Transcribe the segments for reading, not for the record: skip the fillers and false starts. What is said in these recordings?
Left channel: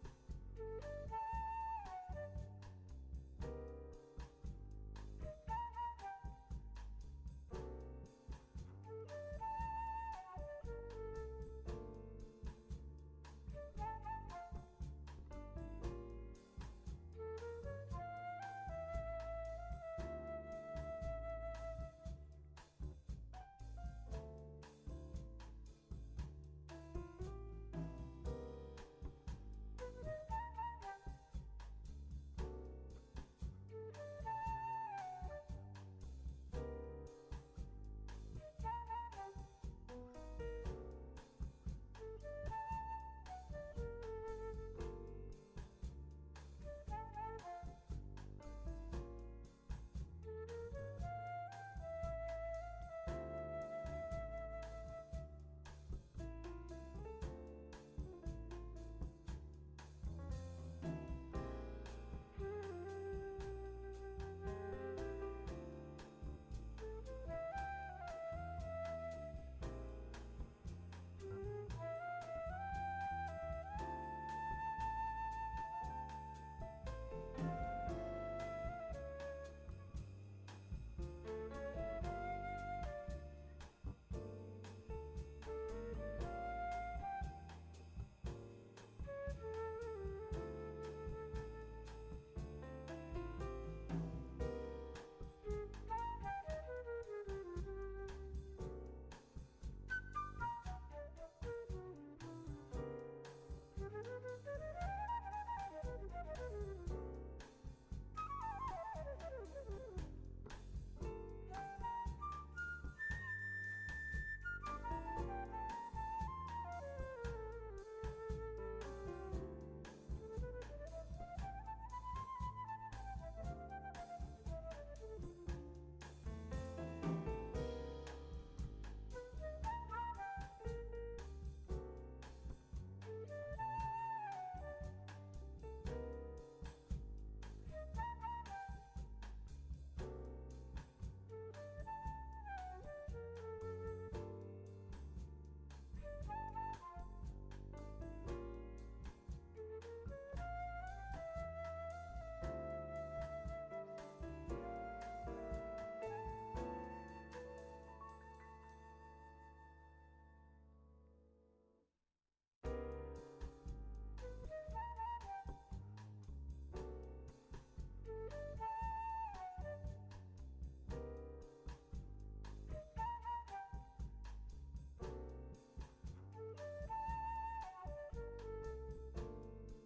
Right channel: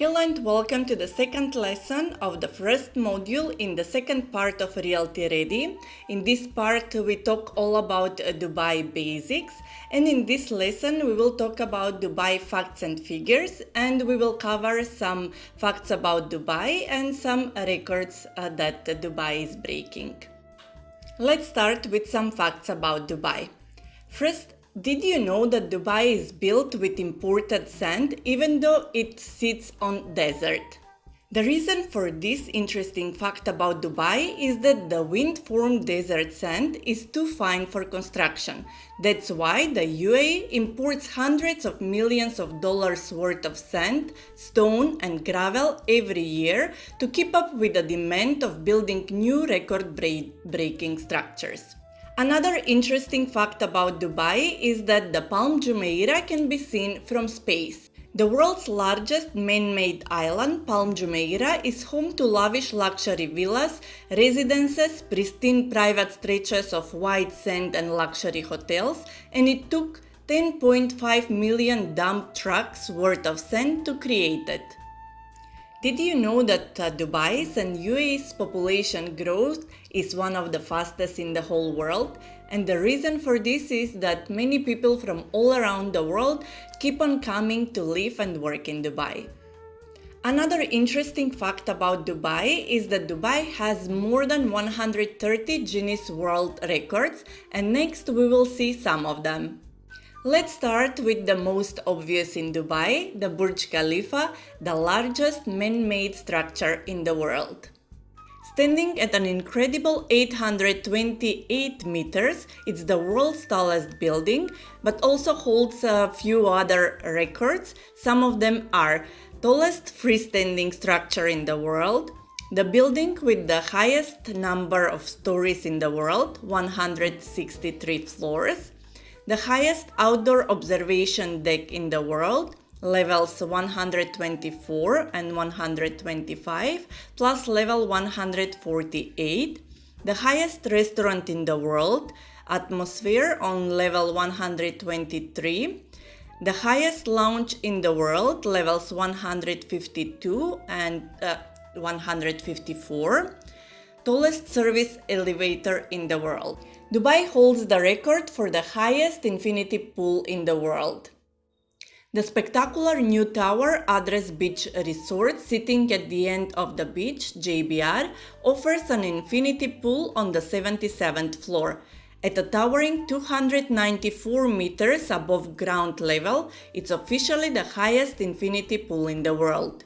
Hello and welcome to the second lesson of the first module in the second part of Realty Ready. In this part we talk all about Dubai basics, and in this lesson we will talk about Dubai facts and figures, and we will cover some facts about Dubai and some records that Dubai is breaking. Let's start with some facts about Dubai. First, did you know that Dubai is built with imported sand even though it sits on desert? The reason for this interesting fact about Dubai is that the wind-formed desert sand is too fine for construction. That's why the UAE imports hundreds of millions of dollars worth of sand, stone and gravel every year to keep up with the demand of building new record-breaking structures. Another interesting fact about Dubai is that the Palm Jumeirah can be seen from space. The world's largest man-made island, Palm Jumeirah, is home to lavish luxury villas, residences, pristine private stretches of white sand and luxury hotels, and it took 10.5 million dump trucks worth of sand to create it. Did you know that Dubai's and UAE's population growth is one of the fastest in the whole world? And the reason for this is that many people from all around the world keep on coming to live and work in Dubai. Another interesting fact about Dubai is that Dubai has more than 130 Guinness World Records, and next we will see some of them. Let's start with the most obvious in Dubai, the Burj Khalifa, the largest man-made structure in the world. Standing at an incredible 828 meters, it's the world's tallest building, but also holds a few other records. Some of them are tallest freestanding structure in the world, the building with the highest number of stories in the world, 163 floors, the highest outdoor observation deck in the world, levels 124 and 125, plus level 148, the highest restaurant in the world, Atmosphere on level 123, the highest lounge in the world, levels 152 and 154, tallest service elevator in the world. Dubai holds the record for the highest infinity pool in the world. The spectacular new tower Address Beach Resort, sitting at the end of the beach, JBR, offers an infinity pool on the 77th floor. At a towering 294 meters above ground level, it's officially the highest infinity pool in the world.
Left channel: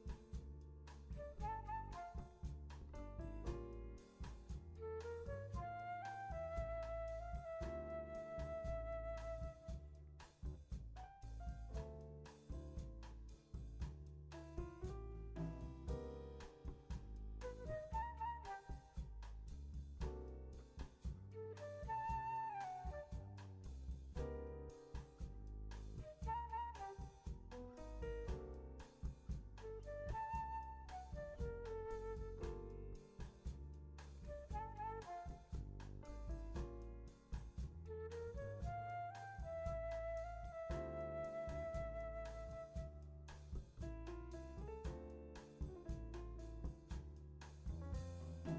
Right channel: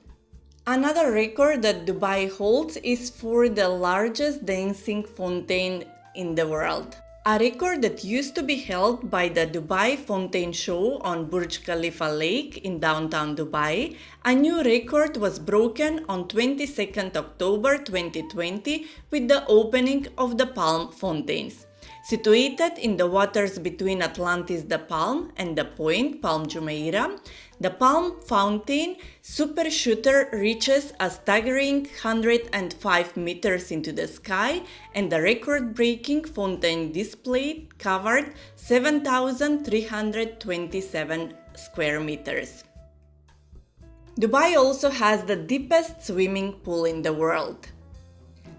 Another record that Dubai holds is for the largest dancing fountain in the world. A record that used to be held by the Dubai Fountain Show on Burj Khalifa Lake in downtown Dubai, a new record was broken on 22nd October 2020 with the opening of the Palm Fountains. Situated in the waters between Atlantis the Palm and the Point, Palm Jumeirah, the Palm Fountain super shooter reaches a staggering 105 meters into the sky, and the record-breaking fountain display covered 7,327 square meters. Dubai also has the deepest swimming pool in the world.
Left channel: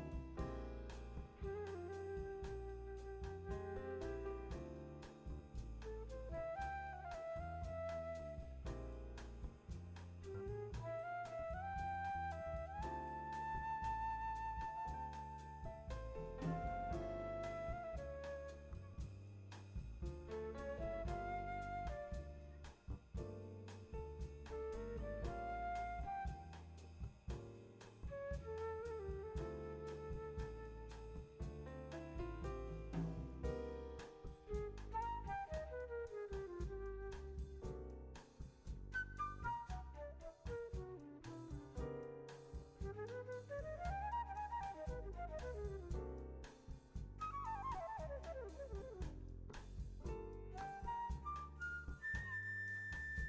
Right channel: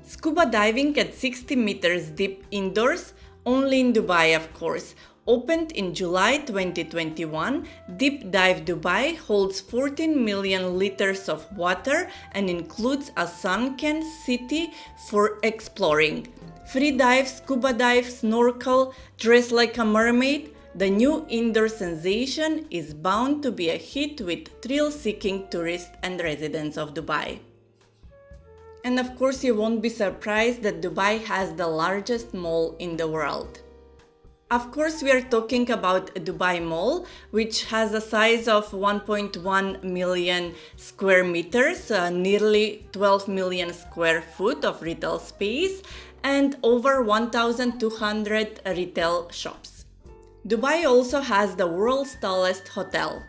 Scuba diving at 60 meters deep indoors, only in Dubai of course. Opened in July 2021, Deep Dive Dubai holds 14 million liters of water and includes a sunken city for exploring. Free dive, scuba dive, snorkel, dress like a mermaid. The new indoor sensation is bound to be a hit with thrill-seeking tourists and residents of Dubai. And of course, you won't be surprised that Dubai has the largest mall in the world. Of course, we are talking about Dubai Mall, which has a size of 1.1 million square meters, nearly 12 million square foot of retail space, and over 1,200 retail shops. Dubai also has the world's tallest hotel.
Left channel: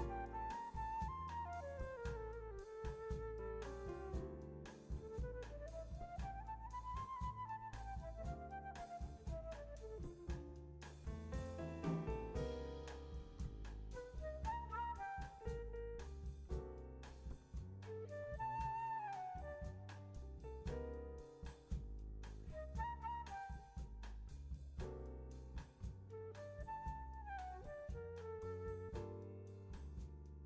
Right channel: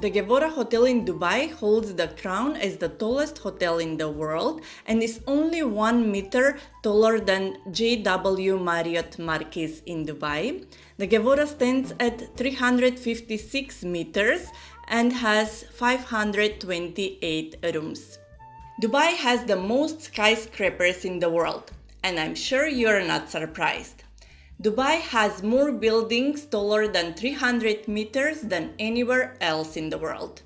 The Gevora Hotel in Dubai holds the crown as the tallest hotel in the world and is only 1 meter taller than JW Marriott Marquis in Dubai. The Gevora stands at 356 meters and has 528 rooms. Dubai has the most skyscrapers in the world, and I'm sure you're not surprised. Dubai has more buildings taller than 300 meters than anywhere else in the world.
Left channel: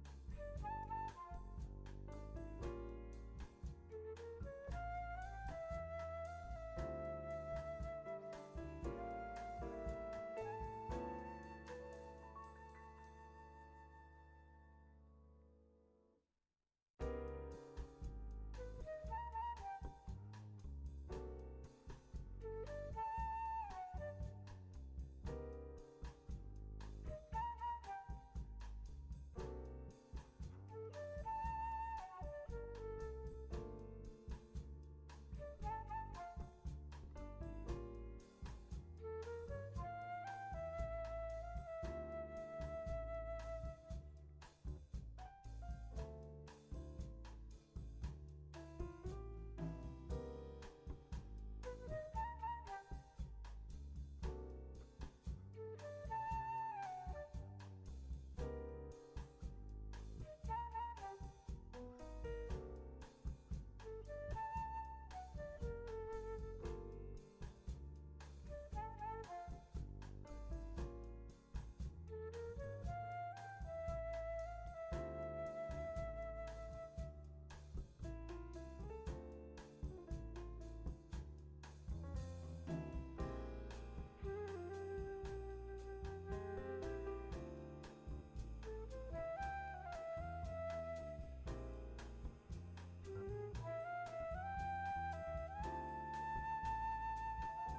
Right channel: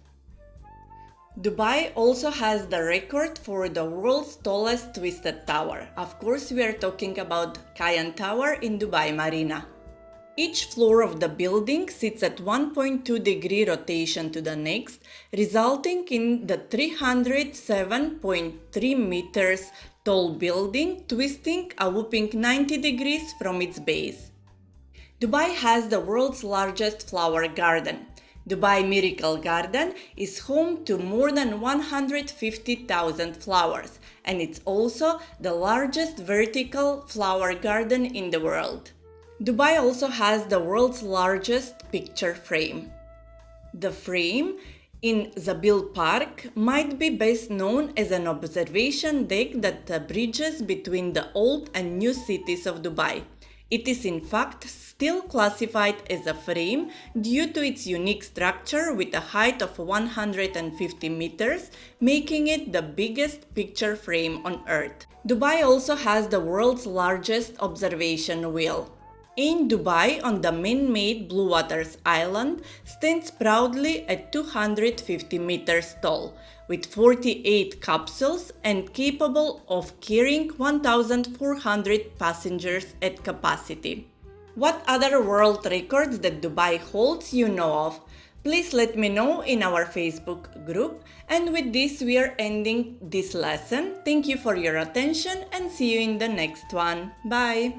Dubai also has the record for the world's tallest twisted tower. Of course, we are talking about Cayenne Tower in Dubai Marina. Each floor of the building sits at 1.2-degree rotation to the next, resulting in the 307.3 meters tall building twisting a whopping 90 degrees from its base. Dubai has the world's largest flower garden. Dubai Miracle Garden is home to more than 150,000 flowers, and it's also the largest vertical flower garden in the world. Dubai also has the world's largest picture frame. The frame in Zabil Park might be best known as an observation deck that bridges between the old and new cities of Dubai. It is in fact still classified as a frame due to its unique structure with a height of 150 meters, making it the biggest picture frame on Earth. Dubai also has the world's largest observation wheel. In Dubai, on the man-made Blue Waters Island, stands proudly at 250 meters tall, with 48 capsules and capable of carrying 1,400 passengers at capacity. What other world records that Dubai holds you know of? Please let me know in our Facebook group. And with this, we are ending this lesson. Thank you for your attention and see you in the next one. Bye!